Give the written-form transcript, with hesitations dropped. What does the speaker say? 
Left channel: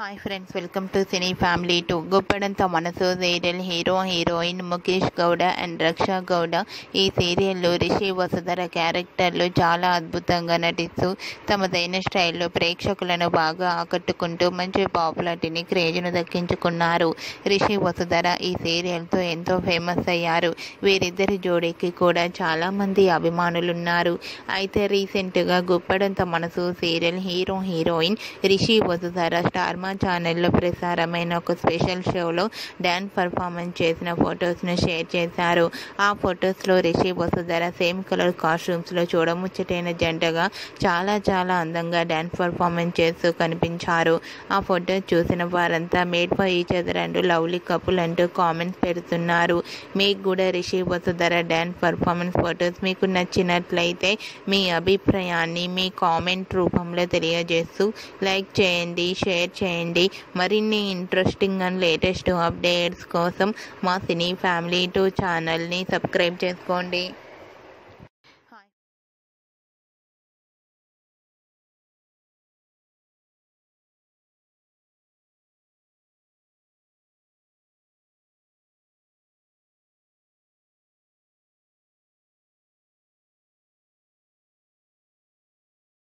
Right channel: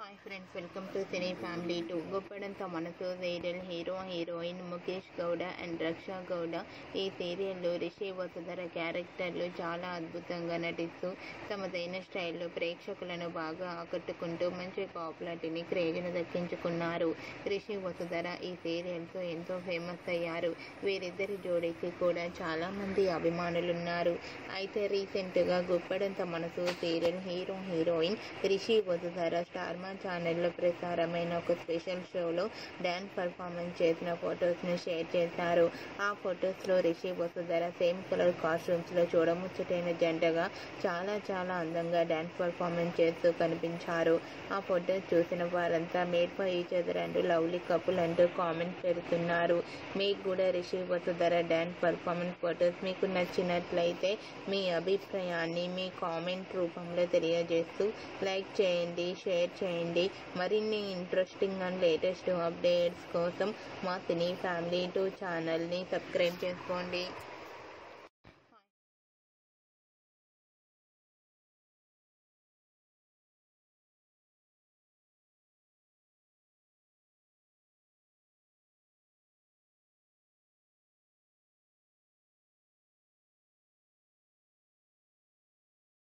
Hi friends, welcome to cine family two. గొప్పడంత మనసు serial hero heroine Mukesh Gowda and Raksha Gowda ఈ సీరియల్లో రిషి వసుధర క్యారెక్టర్లు చాలా అద్భుతంగా నటిస్తూ తమదైన స్టైల్లో ప్రేక్షకులను బాగా ఆకట్టుకుంటూ మంచి పాపులారిటీని క్రేజ్ను దక్కించుకున్నారు. రిషి వసుధర ఈ సీరియల్తో ఎంతో ఫేమస్ అయ్యారు. వీరిద్దరి జోడీకి కూడా చాలామంది అభిమానులున్నారు. అయితే రీసెంట్గా గొప్పడంత మనసు serial hero heroine Rishi Vasudhara Star Maa ఛానల్లో ప్రసారమైన ఒక స్పెషల్ షోలో డ్యాన్స్ పర్ఫార్మెన్స్ చేసిన ఫొటోస్ను షేర్ చేశారు. ఆ ఫొటోస్లో రిషి వసుధర సేమ్ కలర్ కాస్ట్యూమ్స్లో చూడముచ్చటైన జంటగా చాలా అందంగా డ్యాన్స్ పర్ఫార్మెన్స్ చేస్తూ కనిపించారు. ఆ ఫొటోస్ చూసిన వారంతా మేడ్ ఫర్ ఈచ్ అదర్ అంటూ లవ్లీ కపుల్ అంటూ కామెంట్స్ పెడుతున్నారు. మీకు కూడా Rishi Vasudhara dance performance photos మీకు నచ్చినట్లయితే మీ అభిప్రాయాన్ని మీ కామెంట్ రూపంలో తెలియజేస్తూ లైక్ చేయండి, షేర్ చేయండి. మరిన్ని ఇంట్రెస్టింగ్ అండ్ లేటెస్ట్ అప్డేట్స్ కోసం మా సినీ ఫ్యామిలీ 2 ఛానల్ని సబ్స్క్రైబ్ చేసుకోండి.